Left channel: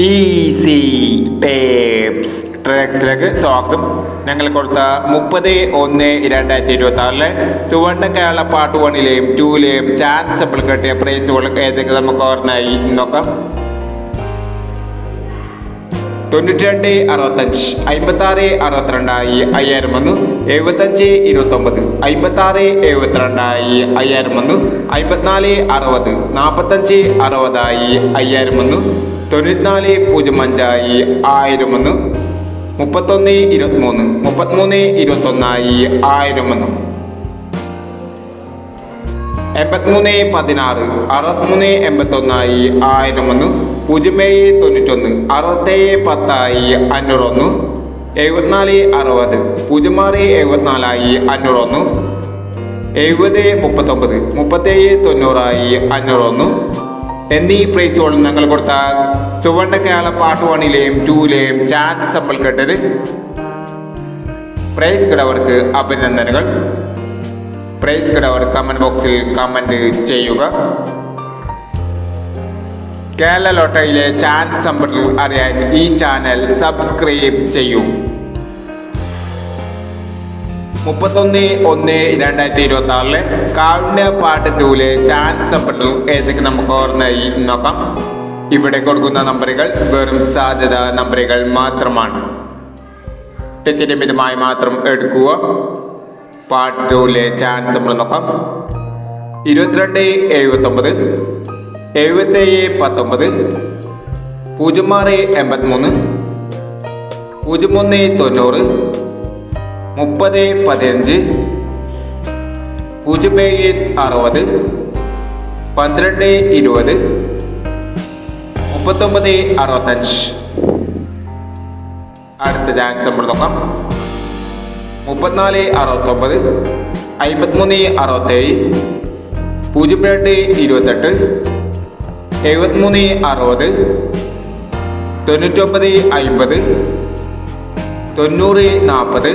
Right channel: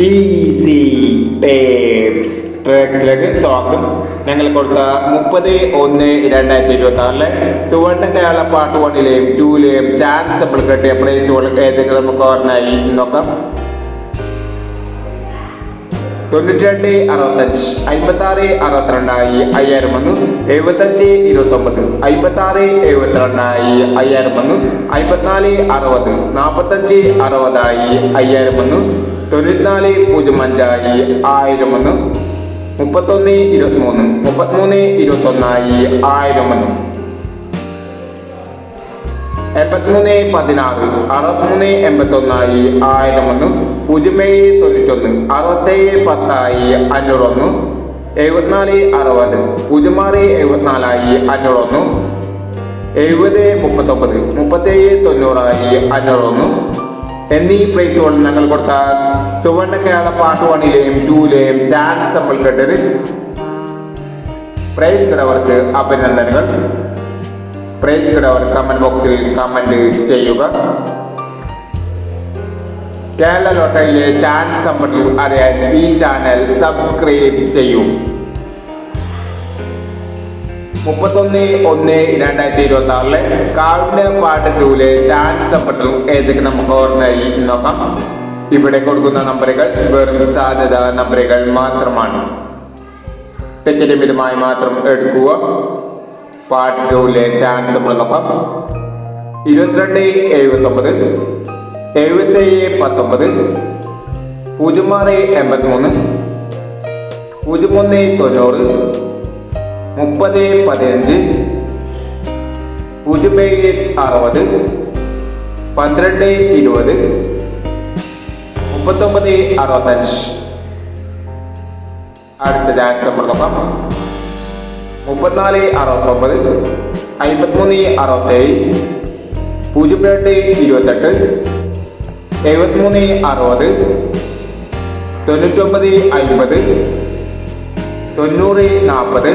Easy tapes ട്രാക്സിലേക്ക് സ്വാഗതം. ഞങ്ങൾ കൊടുത്ത മുപ്പത് ഒന്ന് രണ്ടായിരത്തി ഇരുപത്തി ആറിലെ സുവർണ കേരള പാർട്ട് വണ്ണിലെയും ടൂലെയും ചാൻസ് കിട്ടിയ പ്രൈസുകൾ ഏതൊക്കെ നമുക്ക് ഓർമ്മയായി നോക്കാം. തൊണ്ണൂറ്റി രണ്ട് അറുപത്തഞ്ച് അമ്പത്തി ആറ് അറുപത്തിരണ്ടായി അയ്യായിരം ഒന്ന് എഴുപത്തഞ്ച് ഇരുപത്തി ഒമ്പത് അമ്പത്തി ആറ് എഴുപത്തിരണ്ടായി അയ്യായിരം ഒന്ന് അമ്പത്തിനാല് അറുപത് നാൽപ്പത്തഞ്ച് അറുപതായി അയ്യായിരം ഒന്ന് തൊണ്ണൂറ്റിനാല് പൂജ്യം അഞ്ചായി ആയിരം ഒന്ന് മുപ്പത്തൊന്ന് ഇരുപത്തിമൂന്ന് മുപ്പത്തിമൂന്ന് ഇരുപത്തൊന്നായി ആയിരം ഒന്ന് എൺപത്തിമൂന്ന് പതിനാറ് അറുപത്തിമൂന്ന് എൺപത്തൊന്നായി ആയിരം ഒന്ന് പൂജ്യം ഏഴ് തൊണ്ണൂറ്റൊന്ന് അറുപത്തേഴ് പത്തായി അഞ്ഞൂറ് ഒന്ന് എഴുപത്തിനാല് അറുപത്. പൂജ്യം ആറ് എഴുപത്തിനാലായി അഞ്ഞൂറ് ഒന്ന് എഴുപത് മുപ്പത്തൊമ്പത്. മുപ്പത്തേഴ് തൊണ്ണൂറായി അഞ്ഞൂറ് ഒന്ന് എന്നീ പ്രൈസുകൾ ഞങ്ങൾ കൊടുത്ത സുവർണ കേരള പാർട്ട് വണ്ണിലെയും ടൂയിലെയും ചാൻസ് നമ്മൾ കേട്ടത്. പ്രൈസ് കിടവർക്ക് അഭിനന്ദനങ്ങൾ. പ്രൈസ് കിടവർ കമന്റ് ബോക്സിൽ കമന്റ് ചെയ്യുക. കേരള ലോട്ടറിയിലെ ചാൻസ് സമ്പത്തിൽ അറിയാൻ ഈ ചാനൽ സബ്സ്ക്രൈബ് ചെയ്യൂ. മുപ്പത്തൊന്ന് ഒന്ന് രണ്ടായിരത്തി ഇരുപത്തി ആറിലെ പാർട്ട് പാട്ട് ടൂലെ ചാൻസ് സമ്പത്തിൽ ഏതൊക്കെ നമുക്ക് ഓർമ്മയായി നോക്കാം. ഇവിടെ കൊടുക്കുന്ന നമ്പറുകൾ വെറും സാധ്യത നമ്പറുകൾ മാത്രമാണ്. തെറ്റിന്റെ മിതമായി മാത്രം എടുക്കുക. പാർട്ട് ടൂലെ ചാൻസ് നമ്പർ നോക്കാം. ഇരുപത്തിരണ്ട് എഴുപത്തൊമ്പത്. എഴുപത്തേഴ് പത്തൊമ്പത് പൂജ്യം ആറ് എൺപത്തിമൂന്ന് പൂജ്യം ഒന്ന് തൊണ്ണൂറ് മുപ്പത് പതിനഞ്ച് പൂജ്യം ഏഴ് അറുപത് പന്ത്രണ്ട് ഇരുപത് മുപ്പത്തൊമ്പത് അറുപത്തഞ്ച്. അടുത്ത നോക്കാം മുപ്പത്തിനാല് അറുപത്തൊമ്പത് അമ്പത്തിമൂന്ന് അറുപത്തേഴ് പൂജ്യം രണ്ട് ഇരുപത്തെട്ട് എഴുപത്തിമൂന്ന് അറുപത് തൊണ്ണൂറ്റൊമ്പത് അമ്പത് തൊണ്ണൂറ് നാൽപ്പത്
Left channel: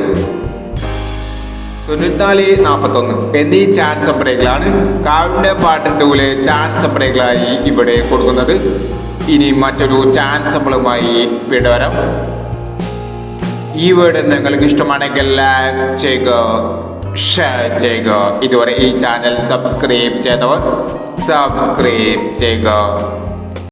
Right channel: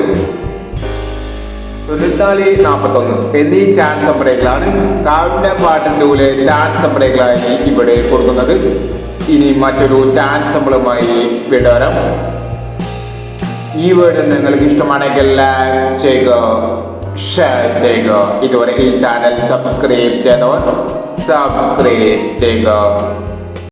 തൊണ്ണൂറ്റിനാല് നാൽപ്പത്തൊന്ന് എന്നീ ചാൻസ് നമ്പറുകളാണ് കാവിന്റെ പാട്ടിന്റെ ചാൻസ് നമ്പറുകളായി ഇവിടെ കൊടുക്കുന്നത്. ഇനി മറ്റൊരു ചാൻസ് വീട് വരാം. ഈ വീഡിയോ നിങ്ങൾക്ക് ഇഷ്ടമാണെങ്കിൽ ലൈക്ക് ചെയ്യുക. ഷെയർ ചെയ്യുക. ഇതുവരെ ഈ ചാനൽ സബ്സ്ക്രൈബ് ചെയ്തവർ സബ്സ്ക്രൈബ് ചെയ്യുക.